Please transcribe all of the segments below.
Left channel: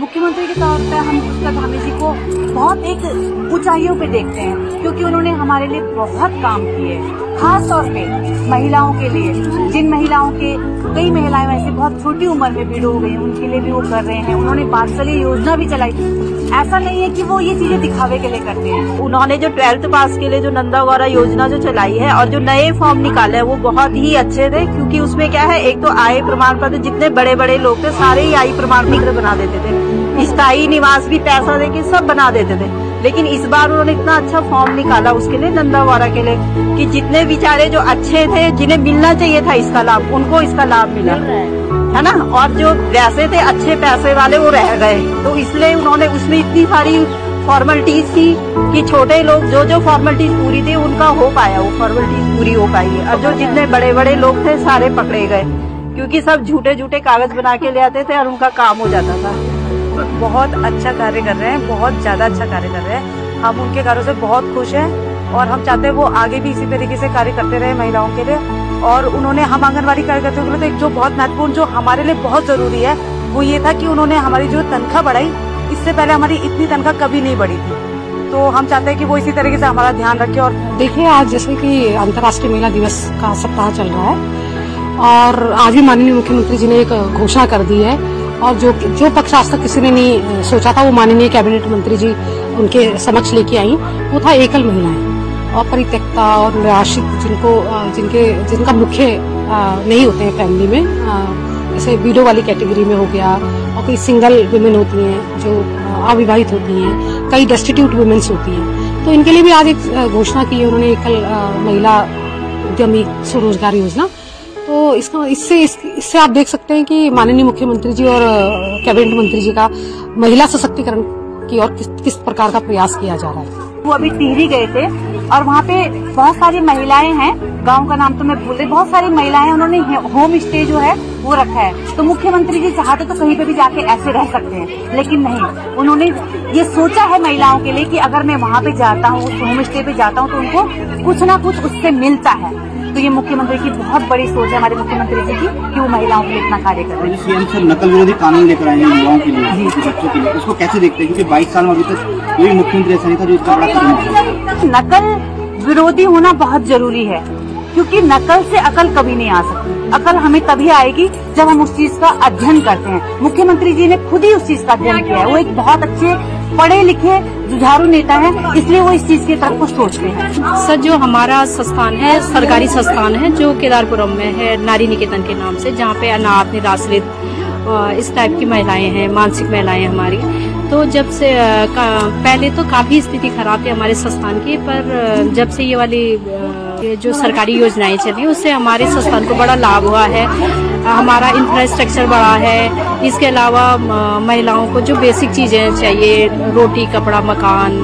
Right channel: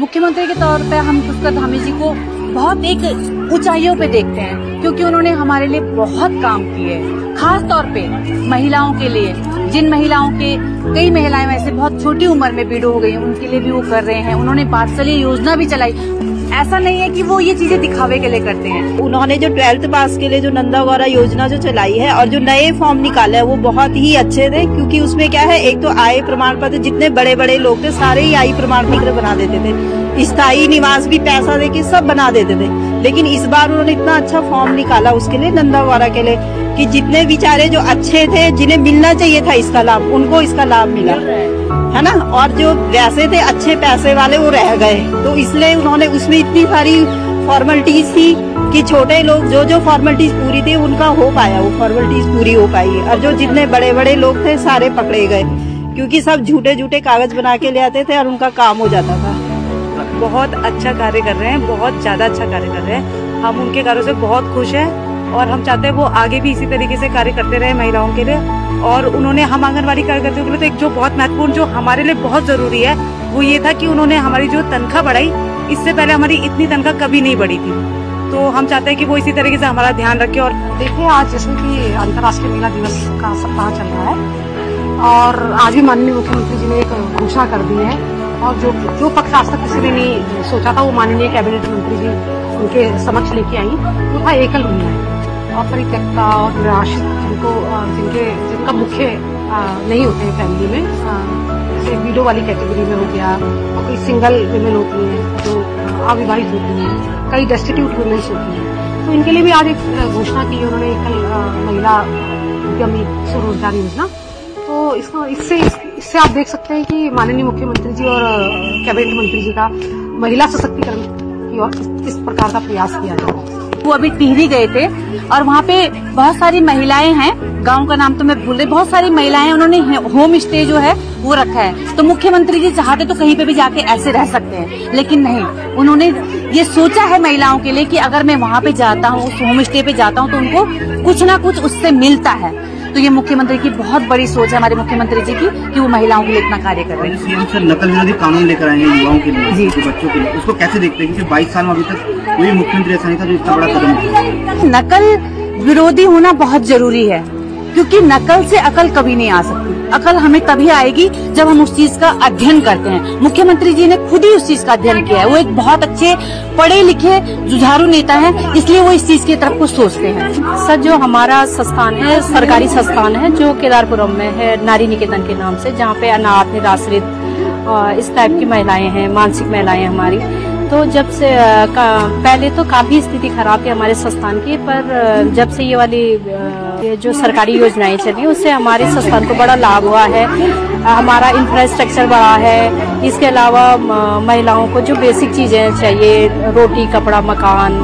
मुख्यमंत्री के तौर पे हम पुष्कर धामी जी को बहुत एक ऊंचाइयों पे देखते हैं, क्योंकि उन्होंने हमारे लिए बहुत काम किए, खास तौर पे महिलाओं के लिए। जिन महिलाओं के कई महिलाएं वैसे बहुत छोटी उम्र में बीडो हो गई, उनके लिए भी वो कर रहे हैं। उन्होंने वात्सल्य योजना भी चलाई। ऐसा नहीं है कि वो ये चीजें दिखावे के लिए करते हैं। उन्होंने जो 12th पास के लिए जो नंदा गौरा योजना जो चलाई है और जो नए फॉर्म निकाले हैं वो बहुत ही अच्छे थे, क्योंकि उसमें क्या है, एक तो आय प्रमाण पत्र, जितने बड़े बड़े लोग थे सारे ही आय प्रमाण पत्र बना देते थे, स्थायी निवास भी पैसा देके सब बना देते थे। लेकिन इस बार उन्होंने इतना अच्छा फॉर्म निकाला उसके लिए, नंदा गौरा के लिए, कि जितने बेचारे जो अच्छे थे, जिन्हें मिलना चाहिए था इसका लाभ, उनको इसका लाभ मिला है ना। और जो वैसे थे अच्छे पैसे वाले वो रह गए, तो इसलिए उन्होंने उसमें इतनी सारी फॉर्मेलिटीज थी कि छोटे लोग जो फॉर्मेलिटीज पूरी थी उनका हो पाया, वो फॉर्मेलिटीज पूरी हो पाई है। और जो जितने बड़े बड़े लोग थे सारे पकड़े गए, क्योंकि सब झूठे कागज बना के ले आते थे और उनका काम हो जाता था। बहुत अच्छा कार्य कर रहे हैं, बहुत ज्यादा अच्छा कार्य कर रहे हैं। हम उनके कार्यों से बहुत खुश हैं और हम चाहते हैं वो आगे भी इसी तरीके से कार्य करते रहे महिलाओं के लिए। और उन्होंने हम आंगनवाड़ी कार्यकर्ताओं के लिए एक जो बहुत महत्वपूर्ण, जो हमारे लिए बहुत जरूरी है, वो ये था कि उन्होंने हमारी जो तनख्वाह बढ़ाई। इससे पहले हमारी इतनी तनख्वाह कभी नहीं बढ़ी थी, तो हम चाहते हैं कि वो इसी तरीके से हमारा ध्यान रखे। और देखिए, आज जैसे कि अंतर्राष्ट्रीय महिला दिवस का सप्ताह चल रहा है और आज भी माननीय मुख्यमंत्री जी ने एक घोषणा कर दी है, और जो पक्ष आज तक किसी ने नहीं सोचा था वो माननीय कैबिनेट मंत्री जी उनके समक्ष लेके आई, वो था एकल महिलाएं और परित्यक्ता और निराश्रित, जिनका मुख्य नहीं होते हैं फैमिली में, जैसे विडो वाली कैटेगरी में हो गया, और कई सिंगल वुमेन होती हैं जो अविवाहित होती हैं, कई डेस्टिट्यूट वुमेन्स होती हैं। तो इनके लिए भी आज एक घोषणा की है उन्होंने, एकल महिला उद्यमी स्वरोजगार योजना। तो इससे आप देख सकते हैं कि माननीय मुख्यमंत्री जी और कैबिनेट मंत्री जी का महिला सशक्तिकरण की ओर किस प्रकार का प्रयास किया जा रहा है। वो अभी टिहरी गए थे और वहाँ पे बहुत सारी महिलाएं हैं, गांव का नाम तो मैं भूल रही, बहुत सारी महिलाएं, उन्होंने होम स्टे जो है वो रखा है। तो मुख्यमंत्री जी चाहते तो कहीं पे भी जाके ऐसे रह सकते हैं, लेकिन नहीं, उन्होंने ये सोचा है महिलाओं के लिए कि अगर मैं वहाँ पे जाता हूँ, उस होम स्टे पे जाता हूँ, तो उनको कुछ ना कुछ उससे मिलता है। तो ये मुख्यमंत्री की बहुत बड़ी सोच है, हमारे मुख्यमंत्री जी की, कि वो महिलाओं के लिए इतना कार्य कर रहे हैं। सीएम सर नकल विरोधी कानून लेकर आए हैं युवाओं के लिए, जी, बच्चों के लिए, उसको कैसे देखते हैं? क्योंकि 22 साल में अभी तक कोई मुख्यमंत्री ऐसा नहीं था जो इतना बड़ा कदम उठाया। नकल विरोधी होना बहुत जरूरी है, क्योंकि नकल से अकल कभी नहीं आ सकती। अकल हमें तभी आएगी जब हम उस चीज का अध्ययन करते हैं। मुख्यमंत्री जी ने खुद ही उस चीज का अध्ययन किया है। वो एक बहुत अच्छे पढ़े लिखे जुझारू नेता है, इसलिए वो इस चीज की तरफ को सोचते हैं। सर, जो हमारा संस्थान है, सरकारी संस्थान है, जो केदारपुरम में है, नारी निकेतन के नाम से, जहाँ पे अनाथ, निराश्रित इस टाइप की महिलाएं हैं, मानसिक महिलाएं हमारी। तो जब से पहले तो काफी स्थिति खराब थी हमारे संस्थान की, पर जब से ये वाली जो सरकारी योजनाएं चली, उससे हमारे संस्थान को बड़ा लाभ हुआ है। हमारा इंफ्रास्ट्रक्चर बढ़ा है। इसके अलावा महिलाओं को जो बेसिक चीजें चाहिए, रोटी, कपड़ा, मकान,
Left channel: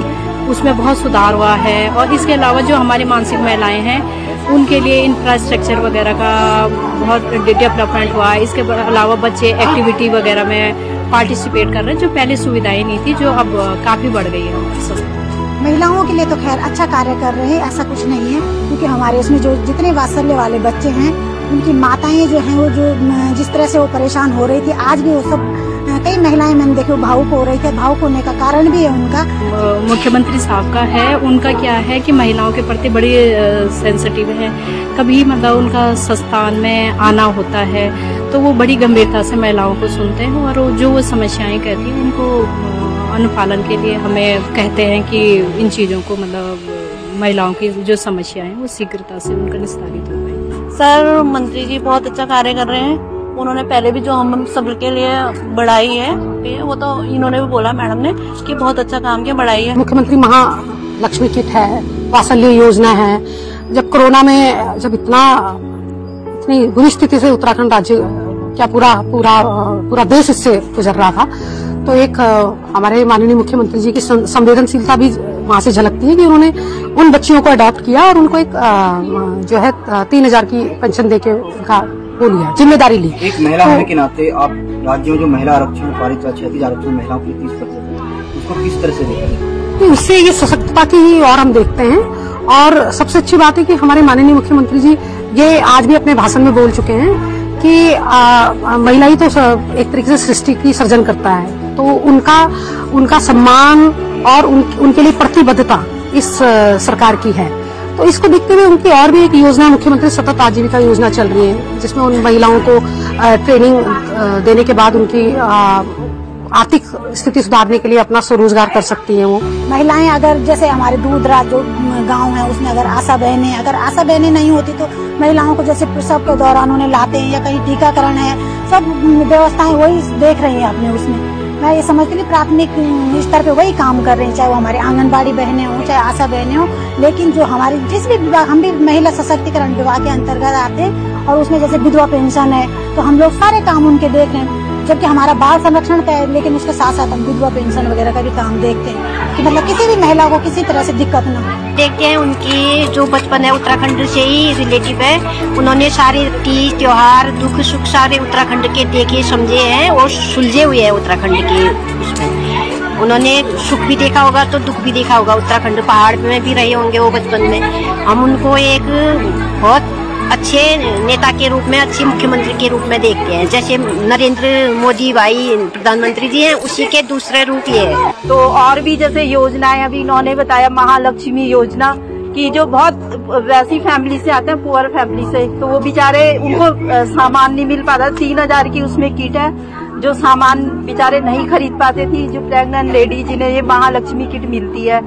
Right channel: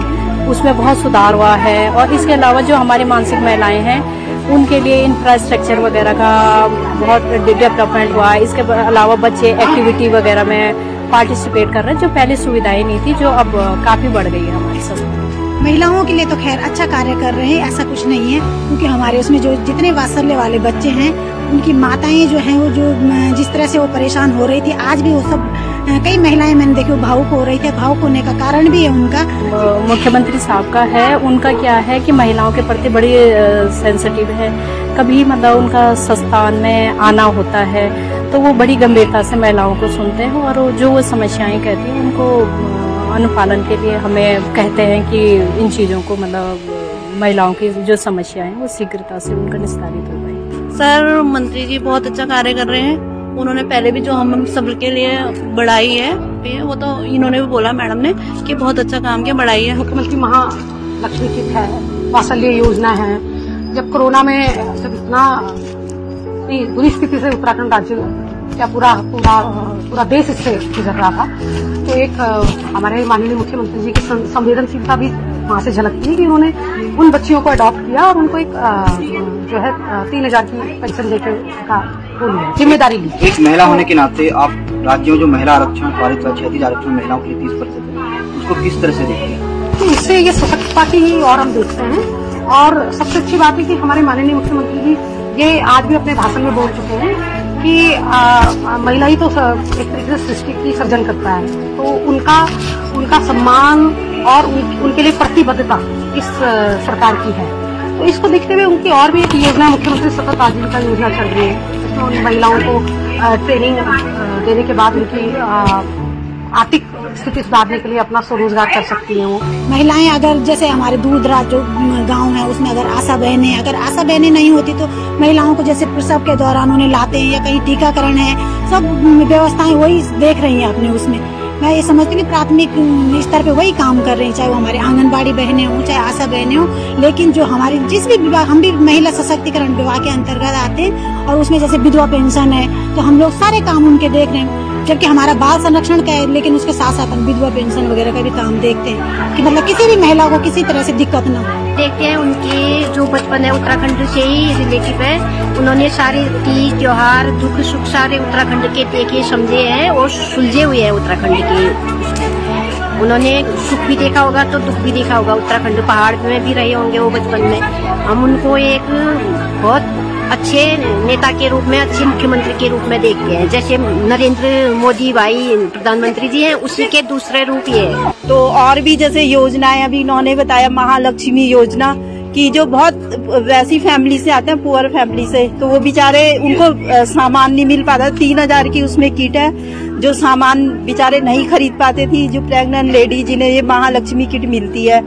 उसमें बहुत सुधार हुआ है। और इसके अलावा जो हमारे मानसिक महिलाएं हैं, उनके लिए इंफ्रास्ट्रक्चर वगैरह का बहुत डेवलपमेंट हुआ है। इसके अलावा बच्चे एक्टिविटी वगैरह में पार्टिसिपेट कर रहे हैं, जो पहले सुविधाएं नहीं थी, जो अब काफी बढ़ गई है हमारे संस्थान। महिलाओं के लिए तो खैर अच्छा कार्य कर रहे हैं, ऐसा कुछ नहीं है, क्योंकि हमारे उसमें जो जितने वात्सल्य वाले बच्चे हैं, उनकी माताएं जो हैं, वो जो जिस तरह से वो परेशान हो रही थी, आज भी वो सब कई महिलाएं मैंने देखी भावुक हो रही थी। भावुक होने का कारण भी है उनका, मुख्यमंत्री साहब का है। उनका क्या है कि महिलाओं के प्रति बड़ी सेंसिटिव है। कभी मतलब उनका संस्थान में आना होता है तो वो बड़ी गंभीरता से महिलाओं को सुनते हैं, और जो वो समस्याएं कहती हैं उनको अनुपालन के लिए हमें कहते हैं कि इन चीजों को, मतलब महिलाओं की जो समस्याएं हैं वो शीघ्रता से उनका निस्तारित हो पाए। सर, मंत्री जी बहुत अच्छा कार्य कर रहे हैं। उन्होंने पहले भी जो हम सबके लिए बढ़ाई है, वो तो इन्होंने भी बोला, मैडम ने, कि बहुत अच्छा काम किया, बढ़ाई है। मुख्यमंत्री महालक्ष्मी किट है, वात्सल्य योजना है। जब कोरोना में जब इतनी बुरी स्थिति से उत्तराखंड राज्य, क्या पूरा देश इससे गुजर रहा था, तो एक हमारे माननीय मुख्यमंत्री जी की संवेदनशीलता भी वहाँ से झलकती है कि उन्होंने उन बच्चियों को अडॉप्ट किया और उनको एक जो है 3000 की पेंशन देके उनका वो लिया, जिम्मेदारी ली। एक महिला होने के नाते आप राज्य में जो महिला आरक्षण पारित हुआ, 36 आरक्षण महिलाओं के लिए 30%, उसको किस तरह से देखते हैं? तो इससे ये सशक्तता की ही और हम देखते हैं। और सबसे अच्छी बात है कि हमारे माननीय मुख्यमंत्री जी ये आज भी अपने भाषण में बोल चुके हैं कि महिला ही तो एक तरीके से सृष्टि की सर्जन करता है। तो उनका सम्मान और उनके लिए प्रतिबद्धता इस सरकार की है। तो इसको देखते हुए उनकी और भी एक योजना मुख्यमंत्री सतत आजीविका योजना चल रही है, जिसमें उन महिलाओं को ट्रेनिंग देने के बाद उनकी आर्थिक स्थिति सुधारने के लिए अपना स्वरोजगार कर सकती हैं। वो महिलाएं अगर जैसे हमारे दूर दराज जो गांव है उसमें अगर आशा बहनें नहीं होती तो महिलाओं को जैसे प्रसव के दौरान उन्हें लाते हैं या कहीं टीकाकरण है, सब व्यवस्थाएं वही देख रही हैं अपने उसमें। मैं ये समझती हूँ कि प्राथमिक स्तर पे वही काम कर रही हैं, चाहे वो हमारे आंगनबाड़ी बहनें हों चाहे आशा बहनें हों। लेकिन जो हमारी जिस भी विभाग, हम भी महिला सशक्तिकरण विभाग के अंतर्गत आते हैं और उसमें जैसे विधवा पेंशन है तो हम लोग सारे काम उनके देख रहे हैं, जबकि हमारा बाल संरक्षण का है लेकिन उसके साथ साथ हम विधवा पेंशन वगैरह का भी काम देखते हैं कि मतलब किसी भी महिला को किसी तरह से दिक्कत न हो। देखते हैं उनकी जो बचपन है उत्तराखंड से ही रिलेटिव है। उन्होंने सारे तीज त्योहार दुख सुख सारे उत्तराखंड के देखे समझे हैं और सुलझे हुए हैं उत्तराखंड के उसमें। उन्होंने सुख भी देखा होगा तो दुख भी देखा होगा, उत्तराखंड पहाड़ में भी रहे होंगे वो बचपन में। हम उनको एक बहुत अच्छे नेता के रूप में, अच्छे मुख्यमंत्री के रूप में देखते हैं। जैसे नरेंद्र मोदी भाई प्रधानमंत्री जी हैं, उसी के दूसरे रूप ये है। तो और भी जैसे योजनाएं अभी इन्होंने बताया, महालक्ष्मी योजना की, जो बहुत वैसी फैमिली से आते हैं, पुअर फैमिली से, तो वो बेचारे उनको सामान नहीं मिल पाता। 3000 की उसमें किट है, जो सामान बेचारे नहीं खरीद पाते थी। जो प्रेग्नेंट लेडी जिन्हें ये महालक्ष्मी किट मिलती है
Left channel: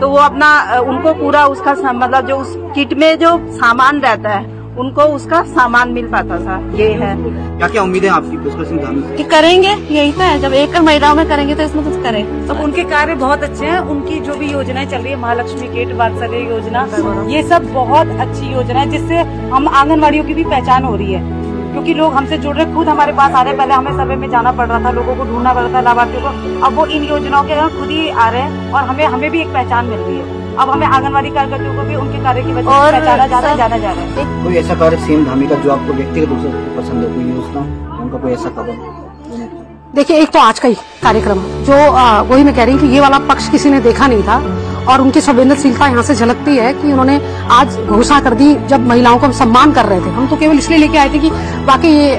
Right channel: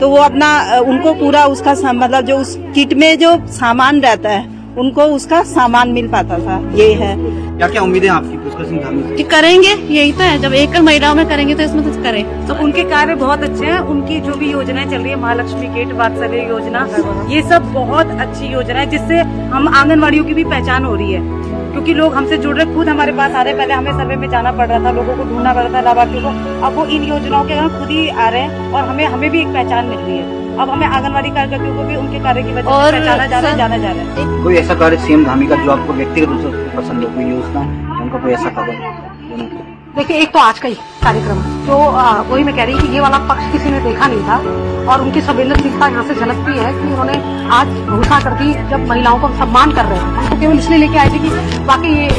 तो वो अपना उनको पूरा उसका मतलब जो उस किट में जो सामान रहता है उनको उसका सामान मिल पाता था। ये है। क्या क्या उम्मीदें आपकी? करेंगे, यही तो है, जब एक महिलाओं में करेंगे तो इसमें कुछ करें। तो उनके कार्य बहुत अच्छे हैं। उनकी जो भी योजनाएं चल रही है, महालक्ष्मी किट, वात्सल्य योजना, ये सब बहुत अच्छी योजना है, जिससे हम आंगनवाड़ियों की भी पहचान हो रही है। क्योंकि लोग हमसे जुड़ रहे, खुद हमारे पास आ रहे। पहले हमें सर्वे में जाना पड़ रहा था, लोगों को ढूंढना पड़ रहा था लाभार्थियों को। अब वो इन योजनाओं के खुद ही आ रहे हैं और हमें भी एक पहचान मिल रही है। अब हमें आंगनवाड़ी कार्यकर्तियों को भी उनके कार्य की वजह से पहचाना जाना जा रहा है। कोई ऐसा कार्य सीएम धामी का जो आपको व्यक्तिगत रूप से पसंद हो, कोई योजना, उनका कोई ऐसा खबर? देखिए, एक तो आज का ही कार्यक्रम जो वही मैं कह रही हूँ कि ये वाला पक्ष किसी ने देखा नहीं था और उनकी संवेदनशीलता यहाँ से झलकती है कि उन्होंने आज घोषणा कर दी जब महिलाओं को सम्मान कर रहे थे। हम तो केवल इसलिए लेके आए थे कि बाकी ये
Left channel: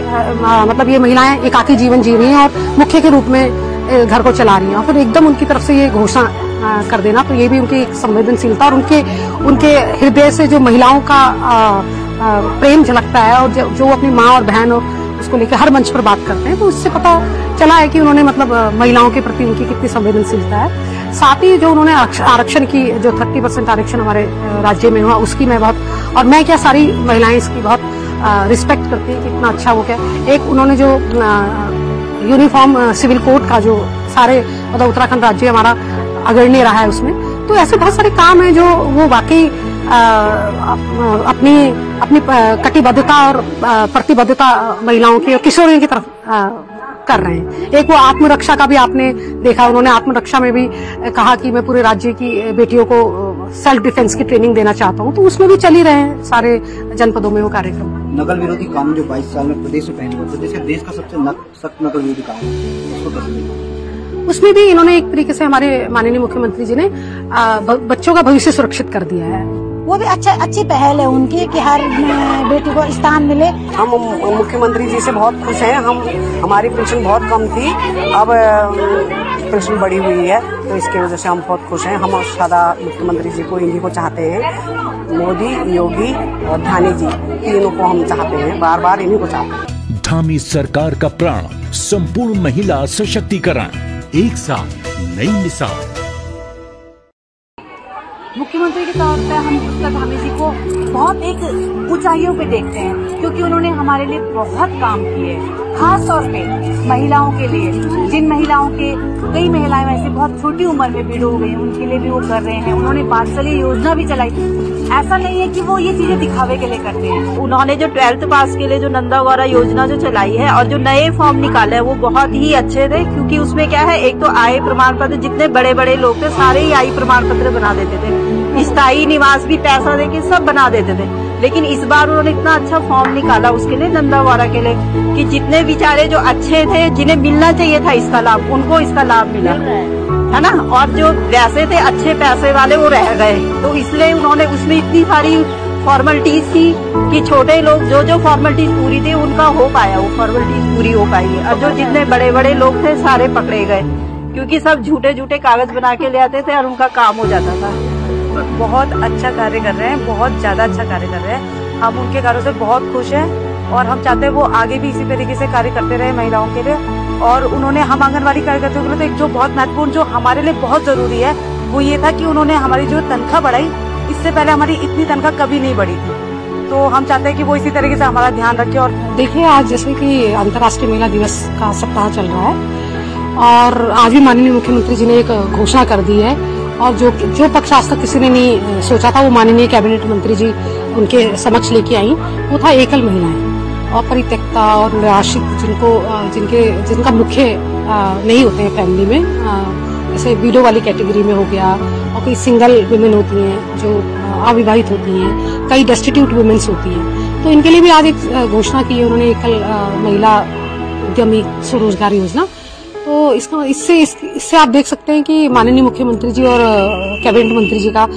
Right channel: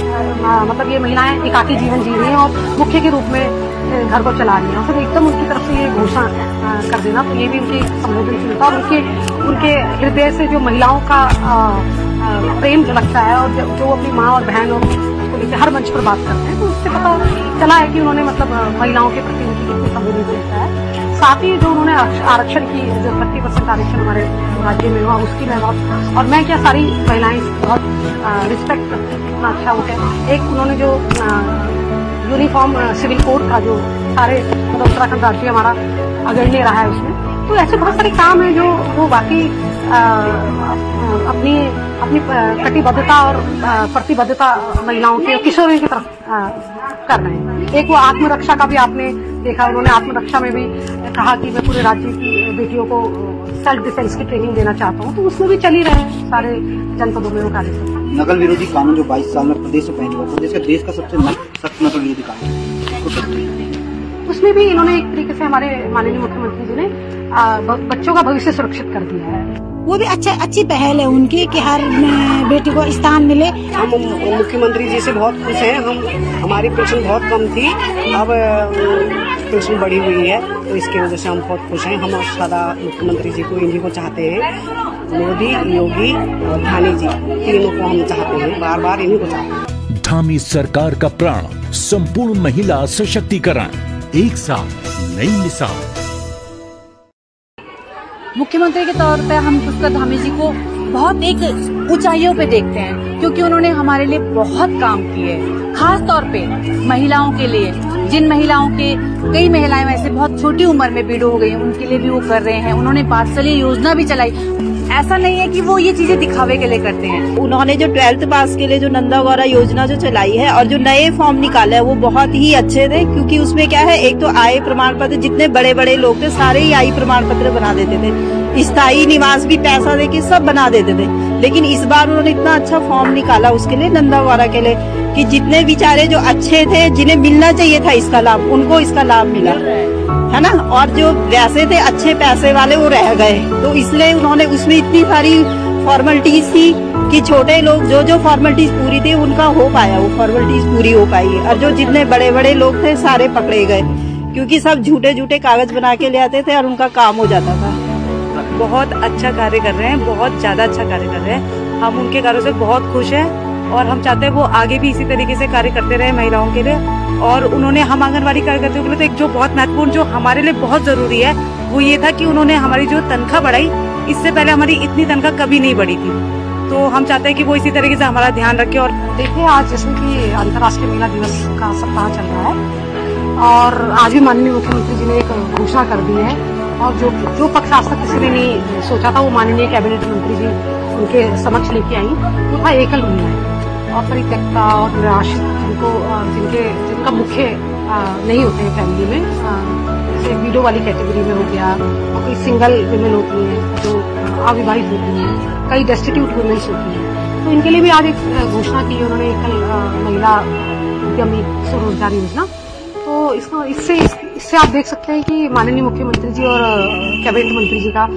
मतलब ये महिलाएं एकाकी जीवन जी रही हैं और मुख्य के रूप में घर को चला रही है, और फिर एकदम उनकी तरफ से ये घोषणा कर देना, तो ये भी उनकी संवेदनशीलता और उनके हृदय से जो महिलाओं का प्रेम झलकता है और जो अपनी माँ और बहन और उसको लेकर हर मंच पर बात करते हैं, तो उससे पता चला है कि उन्होंने मतलब महिलाओं के प्रति उनकी कितनी संवेदनशीलता है। साथ ही जो उन्होंने आरक्षण की जो 30% आरक्षण हमारे राज्य में हुआ उसकी मैं बहुत, और मैं क्या सारी महिलाएं इसकी बहुत रिस्पेक्ट करती हैं, कितना अच्छा हो गया। एक उन्होंने जो यूनिफॉर्म सिविल कोड का जो सारे मतलब उत्तराखंड राज्य हमारा अग्रणी रहा है उसमें, तो ऐसे बहुत सारे काम है जो वो वाकई अपनी कटिबद्धता और प्रतिबद्धता महिलाओं की और किशोरियों की तरफ कर रहे हैं। एक वो आत्मरक्षा का भी आपने देखा, उन्होंने आत्मरक्षा में भी कहा कि मैं पूरे राज्य की बेटियों को सेल्फ डिफेंस की ट्रेनिंग देना चाहता हूँ, तो उसमें भी चल ही रहे हैं सारे जनपदों में वो कार्यक्रम। नकल विरोधी कानून जो 22 साल में प्रदेश में पहले हुआ, प्रदेश का देश का सबसे सख्त नकल विरोधी कानून, उसमें भी इन्होंने एक तरीके से हमारे माननीय मुख्यमंत्री जी ने बच्चों का भविष्य सुरक्षित कर दिया है। वो भी अच्छी पहल है उनकी कि हर बेटी को स्थान मिले। हम मुख्यमंत्री जी से बहुत खुश हैं। हमारी पेंशन बहुत कम थी, अब पेंशन बढ़ी हुई है, तो इसकी वजह से हम बहुत खुश हैं। हम सदा मुख्यमंत्री जी को, इन्हीं को चाहते हैं। मोदी, योगी और धामी जी, तीनों को हम चाहते हैं, बार बार इन्हीं को चाहते हैं। धामी सरकार का प्राण संपूर्ण महिला सशक्तिकरण, एक साथ नई मिसाल। मुख्यमंत्री के तौर पे हम पुष्कर धामी जी को बहुत एक ऊंचाइयों पे देखते हैं, क्योंकि उन्होंने हमारे लिए बहुत काम किए, खास तौर पे महिलाओं के लिए। जिन महिलाओं के कई महिलाएं वैसे बहुत छोटी उम्र में बीडो हो गई, उनके लिए भी वो कर रहे हैं। उन्होंने वात्सल्य योजना भी चलाई। ऐसा नहीं है कि वो ये चीजें दिखावे के लिए करते हैं। उन्होंने जो 12th पास के लिए जो नंदा गौरा योजना जो चलाई है और जो नए फॉर्म निकाले है वो बहुत ही अच्छे थे, क्योंकि उसमें क्या है, एक तो आय प्रमाण पत्र, जितने बड़े बड़े लोग थे सारे ही आय प्रमाण पत्र बना देते थे, स्थायी निवास भी पैसा देके सब बना देते थे। लेकिन इस बार उन्होंने इतना अच्छा फॉर्म निकाला उसके लिए, नंदा गौरा के लिए, कि जितने बेचारे जो अच्छे थे, जिन्हें मिलना चाहिए था इसका लाभ, उनको इसका लाभ मिला है ना, और जो वैसे थे अच्छे पैसे वाले वो रह गए। तो इसलिए उन्होंने उसमें इतनी सारी फॉर्मेलिटीज थी कि छोटे लोग जो फॉर्मेलिटीज पूरी थी उनका हो पाया, वो फॉर्मेलिटीज पूरी हो पाई है। और जो जितने बड़े बड़े लोग थे सारे पकड़े गए, क्योंकि सब झूठे कागज बना के ले आते थे और उनका काम हो जाता था। बहुत अच्छा कार्य कर रहे हैं, बहुत ज्यादा अच्छा कार्य कर रहे हैं। हम उनके कार्यों से बहुत खुश हैं और हम चाहते हैं वो आगे भी इसी तरीके से कार्य करते रहे महिलाओं के लिए। और उन्होंने हम आंगनबाड़ी कार्यकर्ताओं के लिए तो एक जो बहुत महत्वपूर्ण, जो हमारे लिए बहुत जरूरी है, वो ये था कि उन्होंने हमारी जो तनख्वाह बढ़ाई, इससे पहले हमारी इतनी तनख्वाह कभी नहीं बढ़ी थी। तो हम चाहते हैं कि वो इसी तरीके से हमारा ध्यान रखे। और देखिए, आज जैसे कि अंतर्राष्ट्रीय महिला दिवस का सप्ताह चल रहा है और आज भी माननीय मुख्यमंत्री जी ने एक घोषणा कर दी है। और जो पक्ष आज तक किसी ने नहीं सोचा था, वो माननीय कैबिनेट मंत्री जी उनके समक्ष लेके आई। वो था एकल महिलाएं और परित्यक्ता और निराश्रित, जिनका मुख्य नहीं होते हैं फैमिली में, जैसे विडो वाली कैटेगरी में हो गया, और कई सिंगल वुमेन होती हैं जो अविवाहित होती हैं, कई डेस्टिट्यूट वुमेन्स होती हैं। तो इनके लिए भी आज एक घोषणा की है उन्होंने, एकल महिला उद्यमी स्वरोजगार योजना। तो इससे आप देख सकते हैं कि माननीय मुख्यमंत्री जी और कैबिनेट मंत्री जी का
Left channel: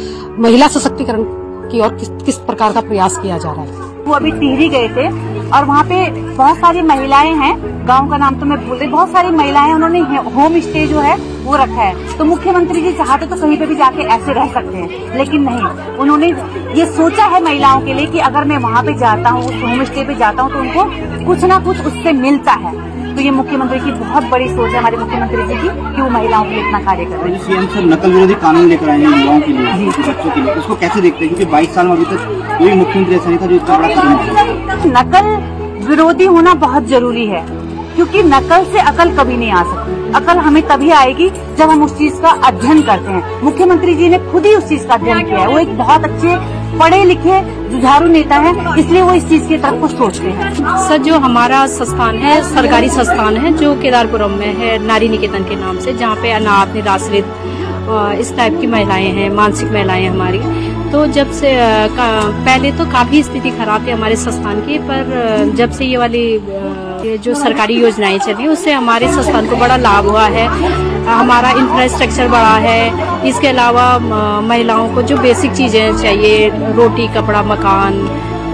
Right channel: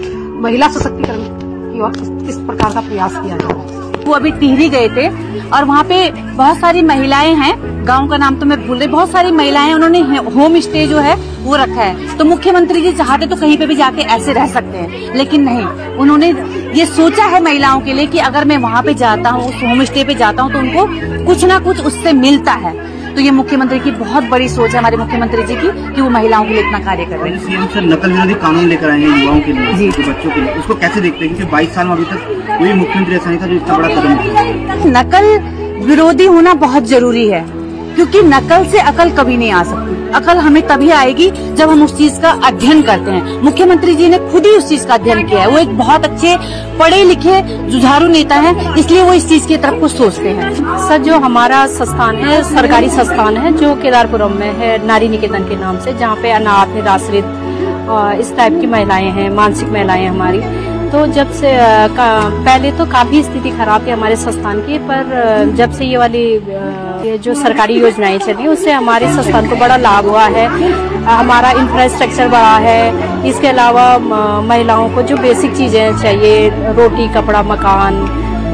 महिला सशक्तिकरण की ओर किस प्रकार का प्रयास किया जा रहा है। वो अभी टिहरी गए थे और वहाँ पे बहुत सारी महिलाएं हैं, गांव का नाम तो मैं भूल रही, बहुत सारी महिलाएं, उन्होंने होम स्टे जो है वो रखा है। तो मुख्यमंत्री जी चाहते तो कहीं पे भी जाके ऐसे रह सकते हैं, लेकिन नहीं, उन्होंने ये सोचा है महिलाओं के लिए कि अगर मैं वहाँ पे जाता हूँ, उस होम स्टे पे जाता हूँ, तो उनको कुछ ना कुछ उससे मिलता है। तो ये मुख्यमंत्री की बहुत बड़ी सोच है, हमारे मुख्यमंत्री जी की, कि वो महिलाओं के लिए इतना कार्य कर रहे हैं। सीएम सर नकल विरोधी कानून लेकर आए हैं युवाओं के लिए, बच्चों के लिए, उसको कैसे देखते हैं? क्योंकि 22 साल में अभी तक कोई मुख्यमंत्री ऐसा नहीं था जो इतना बड़ा कदम उठाया। नकल विरोधी होना बहुत जरूरी है, क्योंकि नकल से अकल कभी नहीं आ सकती। अकल हमें तभी आएगी जब हम उस चीज का अध्ययन करते हैं। मुख्यमंत्री जी ने खुद ही उस चीज का अध्ययन किया है। वो एक बहुत अच्छे पढ़े लिखे जुझारू नेता हैं, इसलिए वो इस चीज की तरफ को सोचते हैं। सर, जो हमारा संस्थान है, सरकारी संस्थान है, जो केदारपुरम में है, नारी निकेतन के नाम से, जहाँ पे अनाथ, निराश्रित इस टाइप की महिलाएं हैं, मानसिक महिलाएं हमारी। तो जब से पहले तो काफी स्थिति खराब थी हमारे संस्थान की, पर जब से ये वाली जो सरकारी योजनाएं चली, उससे हमारे संस्थान को बड़ा लाभ हुआ है। हमारा इंफ्रास्ट्रक्चर बढ़ा है। इसके अलावा महिलाओं को जो बेसिक चीजें चाहिए, रोटी, कपड़ा, मकान,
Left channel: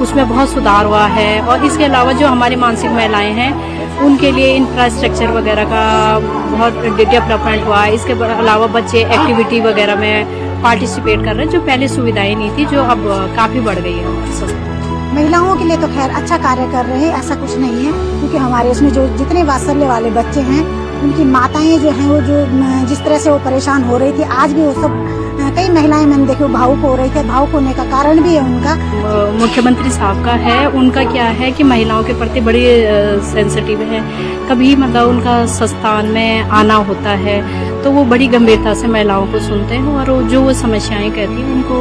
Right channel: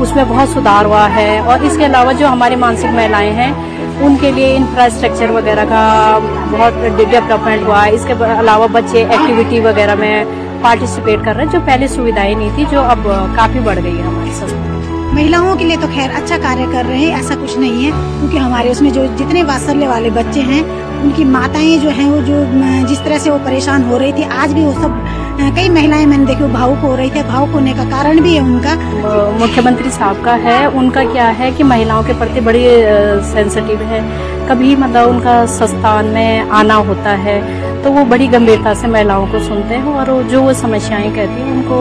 उसमें बहुत सुधार हुआ है। और इसके अलावा जो हमारी मानसिक महिलाएं हैं, उनके लिए इंफ्रास्ट्रक्चर वगैरह का बहुत डेवलपमेंट हुआ है। इसके अलावा बच्चे एक्टिविटी वगैरह में पार्टिसिपेट कर रहे हैं, जो पहले सुविधाएं नहीं थी, जो अब काफी बढ़ गई है हमारे संस्थान। महिलाओं के लिए तो खैर अच्छा कार्य कर रहे हैं, ऐसा कुछ नहीं है, क्योंकि हमारे उसमें जो जितने वात्सल्य वाले बच्चे हैं, उनकी माताएं जो हैं, वो जो जिस तरह से वो परेशान हो रही थी, आज भी वो सब कई महिलाएं मैंने देखी भावुक हो रही थी। भावुक होने का कारण भी है उनका, मुख्यमंत्री साहब का है। उनका क्या है कि महिलाओं के प्रति बड़ी सेंसिटिव है। कभी मतलब उनका संस्थान में आना होता है तो वो बड़ी गंभीरता से महिलाओं को सुनते हैं, और जो वो समस्याएं कहती हैं उनको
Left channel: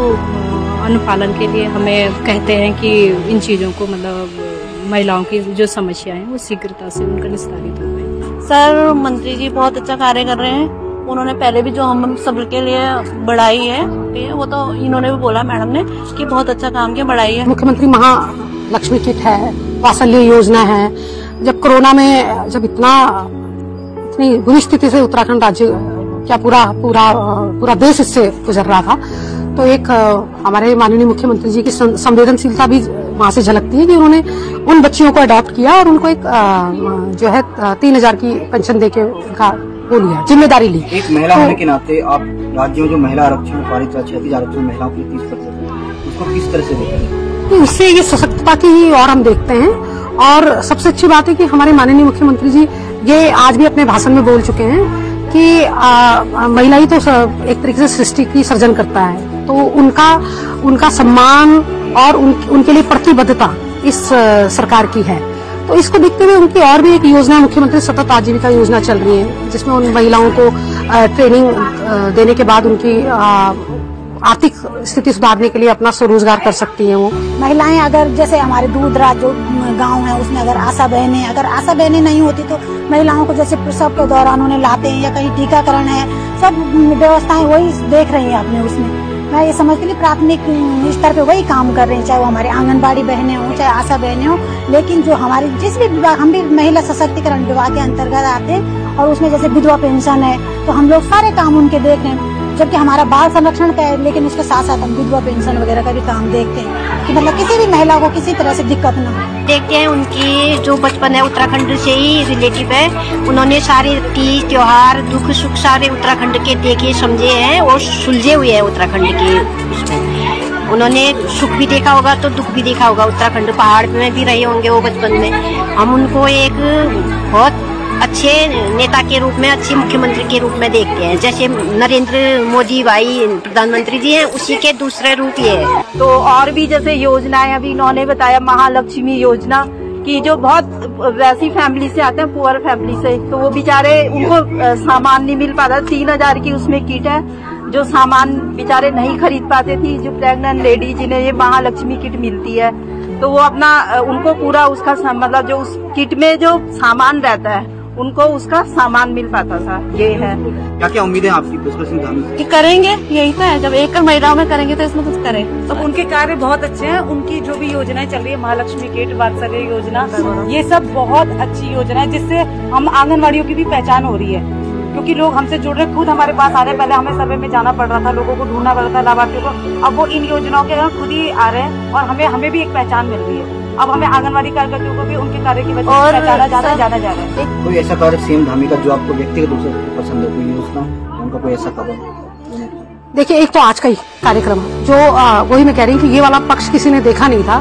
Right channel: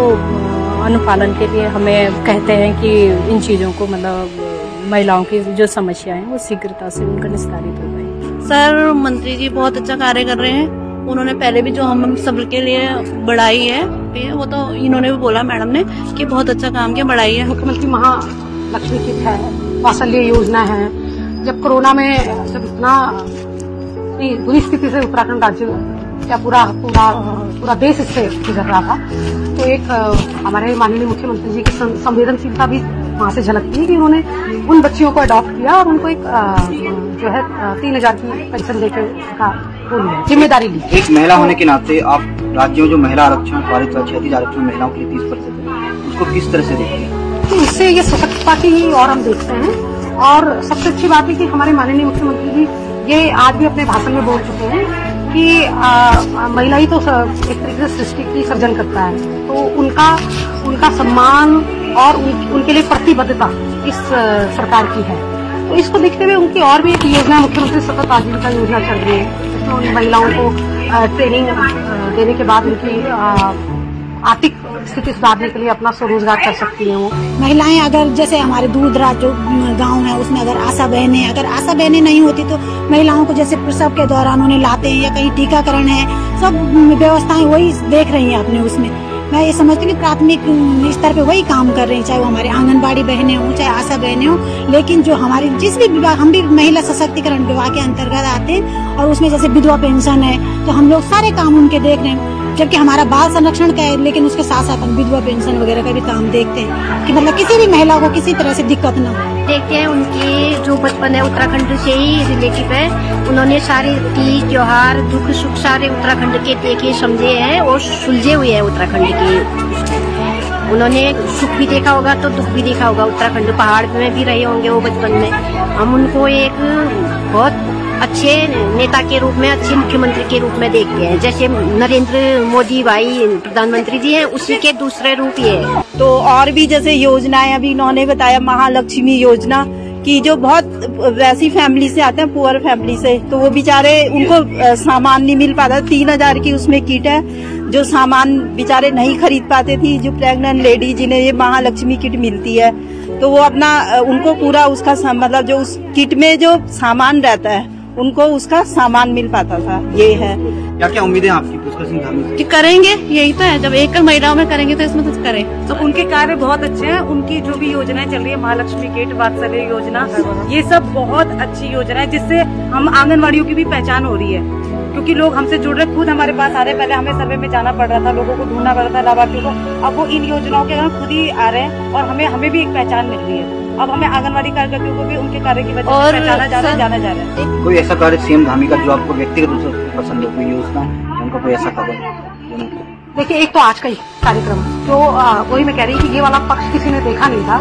अनुपालन के लिए हमें कहते हैं कि इन चीजों को, मतलब महिलाओं की जो समस्याएं हैं वो शीघ्रता से उनका निस्तारित हो जाए। सर, मंत्री जी बहुत अच्छा कार्य कर रहे हैं। उन्होंने पहले भी जो हम सबके लिए बढ़ाई है, वो तो इन्होंने भी बोला मैडम ने कि बहुत अच्छा काम किया, बढ़ाई है। मुख्यमंत्री महालक्ष्मी किट है, वात्सल्य योजना है। जब कोरोना में जब इतनी बुरी स्थिति से उत्तराखंड राज्य क्या पूरा देश इससे गुजर रहा था, तो एक हमारे माननीय मुख्यमंत्री जी की संवेदनशीलता भी वहाँ से झलकती है कि उन्होंने उन बच्चियों को अडॉप्ट किया और उनको एक जो है 3000 की पेंशन देके उनका वो लिया, जिम्मेदारी ली। एक महिला होने के नाते आप राज्य में जो महिला आरक्षण पारित, क्षैतिज आरक्षण महिलाओं के लिए 30%, उसको किस तरह से देखते हैं? तो इससे ये सशक्तता की और हम देखते हैं। और सबसे अच्छी बात है कि हमारे माननीय मुख्यमंत्री जी ये आज भी अपने भाषण में बोल चुके हैं कि महिला ही तो एक तरीके से सृष्टि की सर्जन करता है, तो उनका सम्मान और उनके लिए प्रतिबद्धता इस सरकार की है। तो इसको देखते हुए उनकी और भी एक योजना, मुख्यमंत्री सतत आजीविका योजना चल रही है, जिसमें उन महिलाओं को ट्रेनिंग देने के बाद उनकी आर्थिक स्थिति सुधारने के लिए अपना स्वरोजगार कर सकती हैं। वो महिलाएं अगर जैसे हमारे दूर दराज जो गांव है, उसमें अगर आशा बहनें नहीं होती, तो महिलाओं को जैसे प्रसव के दौरान उन्हें लाते हैं, या कहीं टीकाकरण है, सब व्यवस्थाएं वही देख रही हैं अपने उसमें। मैं ये समझती हूँ कि प्राथमिक स्तर पे वही काम कर रही हैं, चाहे वो हमारे आंगनबाड़ी बहनें हों, चाहे आशा बहनें हों। लेकिन जो हमारी जिस भी विभाग, हम भी महिला सशक्तिकरण विभाग के अंतर्गत आते हैं, और उसमें जैसे विधवा पेंशन है, तो हम लोग सारे काम उनके देख रहे हैं। जबकि हमारा बाल संरक्षण का है, लेकिन उसके साथ साथ हम विधवा पेंशन वगैरह का भी काम देखते हैं कि मतलब किसी भी महिला को किसी तरह से दिक्कत न हो। देखते हैं उनकी जो बचपन है उत्तराखंड से ही रिलेटिव है, उन्होंने सारे तीज त्योहार दुख सुख सारे उत्तराखंड के देखे समझे हैं और सुलझे हुए हैं उत्तराखंड के उसमें। उन्होंने सुख भी देखा होगा तो दुख भी देखा होगा, उत्तराखंड पहाड़ में भी रहे होंगे वो बचपन में। हम उनको एक बहुत अच्छे नेता के रूप में, अच्छे मुख्यमंत्री के रूप में देखते हैं। जैसे नरेंद्र मोदी भाई प्रधानमंत्री जी हैं, उसी के दूसरे रूप ये है। तो और भी जैसे योजनाएं अभी इन्होंने बताया, महालक्ष्मी योजना की, जो बहुत वैसी फैमिली से आते हैं, पुअर फैमिली से, तो वो बेचारे उनको सामान नहीं मिल पाता। 3000 की उसमें किट है, जो सामान बेचारे नहीं खरीद पाते थी। जो प्रेग्नेंट लेडी जिन्हें ये महालक्ष्मी किट मिलती है, तो वो अपना उनको पूरा उसका मतलब जो उस किट में जो सामान रहता है उनको उसका सामान मिल पाता था। ये है। क्या क्या उम्मीदें आपकी? करेंगे, यही तो है, जब एक महिलाओं में करेंगे तो इसमें कुछ करें। तो उनके कार्य बहुत अच्छे हैं। उनकी जो भी योजनाएं चल रही है, महालक्ष्मी किट, वात्सल्य योजना, ये सब बहुत अच्छी योजना है, जिससे हम आंगनवाड़ियों की भी पहचान हो रही है। क्योंकि लोग हमसे जुड़ रहे, खुद हमारे पास आ रहे। पहले हमें सर्वे में जाना पड़ रहा था, लोगों को ढूंढना पड़ता था लाभार्थियों को। अब वो इन योजनाओं के खुद ही आ रहे हैं और हमें भी एक पहचान मिल रही है। अब हमें आंगनवाड़ी कार्यकर्ताओं को भी उनके कार्य की वजह से पहचाना जाना जा रहा है। कोई ऐसा कार्य सीएम धामी का जो आपको व्यक्तिगत रूप से पसंद है, कोई योजना, उनका कोई ऐसा खबर? देखिए, एक तो आज का ही कार्यक्रम जो वही मैं कह रही हूँ कि ये वाला पक्ष किसी ने देखा नहीं था,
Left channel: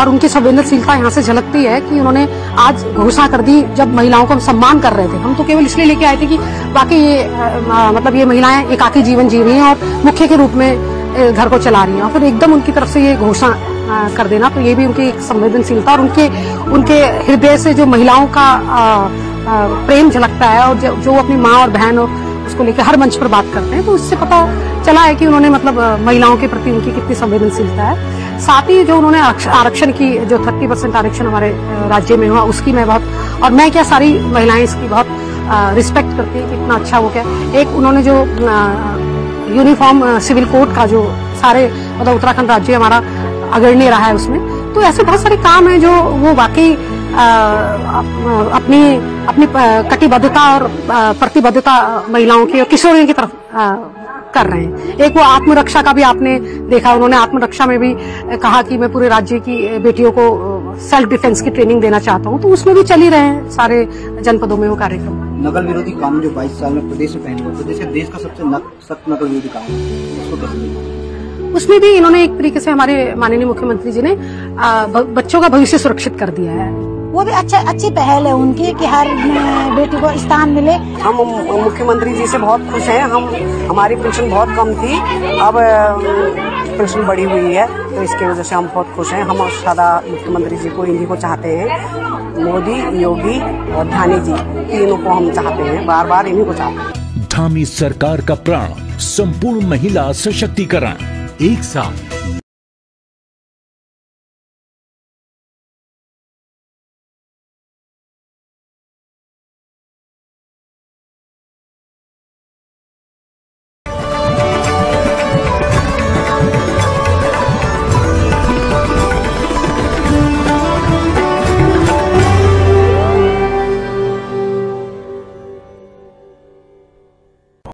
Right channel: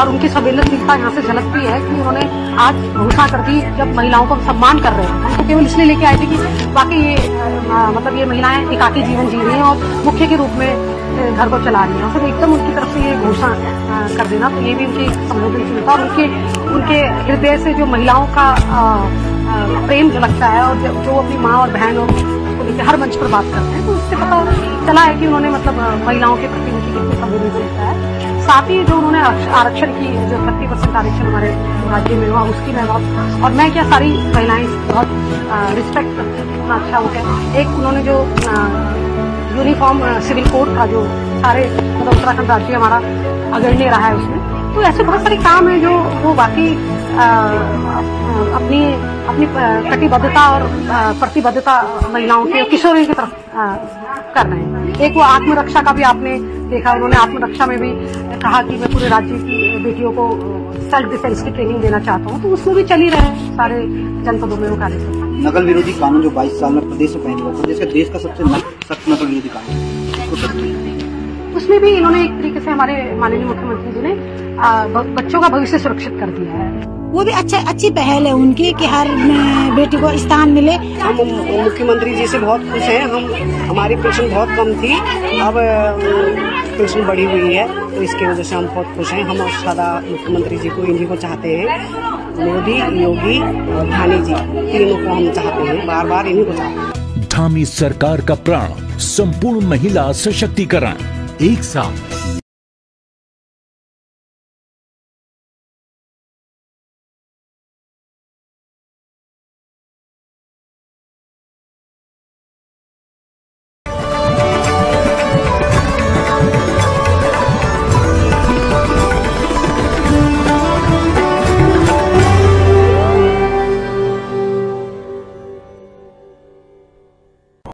और उनकी संवेदनशीलता यहाँ से झलकती है कि उन्होंने आज घोषणा कर दी जब महिलाओं को सम्मान कर रहे थे। हम तो केवल इसलिए लेके आए थे कि बाकी ये मतलब ये महिलाएं एकाकी जीवन जी रही हैं और मुख्य के रूप में घर को चला रही है, और फिर एकदम उनकी तरफ से ये घोषणा कर देना, तो ये भी उनकी संवेदनशीलता और उनके हृदय से जो महिलाओं का प्रेम झलकता है, और जो अपनी माँ और बहन और उसको लेकर हर मंच पर बात करते हैं, तो उससे पता चला है कि उन्होंने मतलब महिलाओं के प्रति उनकी कितनी संवेदनशीलता है। साथ ही जो उन्होंने आरक्षण की जो 30% आरक्षण हमारे राज्य में हुआ, उसकी मैं बहुत, और मैं क्या सारी महिलाएं इसकी बहुत रिस्पेक्ट करती हैं, कितना अच्छा हो गया। एक उन्होंने जो यूनिफॉर्म सिविल कोड का जो सारे मतलब उत्तराखंड राज्य हमारा अग्रणी रहा है उसमें, तो ऐसे बहुत सारे काम है जो वो वाकई अपनी कटिबद्धता और प्रतिबद्धता महिलाओं की और किशोरियों की तरफ कर रहे हैं। एक वो आत्मरक्षा का भी आपने देखा, उन्होंने आत्मरक्षा में भी कहा कि मैं पूरे राज्य की बेटियों को सेल्फ डिफेंस की ट्रेनिंग देना चाहता हूँ, तो उसमें भी चल ही रहे हैं सारे जनपदों में वो कार्यक्रम। नकल विरोधी कानून जो 22 साल में प्रदेश में पहले हुआ, प्रदेश के देश का सबसे सख्त नकल विरोधी कानून, उसमें भी इन्होंने एक तरीके से हमारे माननीय मुख्यमंत्री जी ने बच्चों का भविष्य सुरक्षित कर दिया है। वो भी अच्छी पहल है उनकी कि हर बेटी को स्थान मिले। हम मुख्यमंत्री जी से बहुत खुश हैं। हमारी पेंशन बहुत कम थी, अब पेंशन बढ़ी हुई है, तो इसकी वजह से हम बहुत खुश हैं। हम सदा मुख्यमंत्री जी को, इन्हीं को चाहते हैं। मोदी, योगी और धामी जी, तीनों को हम चाहते हैं, बार बार इन्हीं को चाहते हैं। धामी सरकार का प्राण संपूर्ण महिला सशक्तिकरण, एक साथ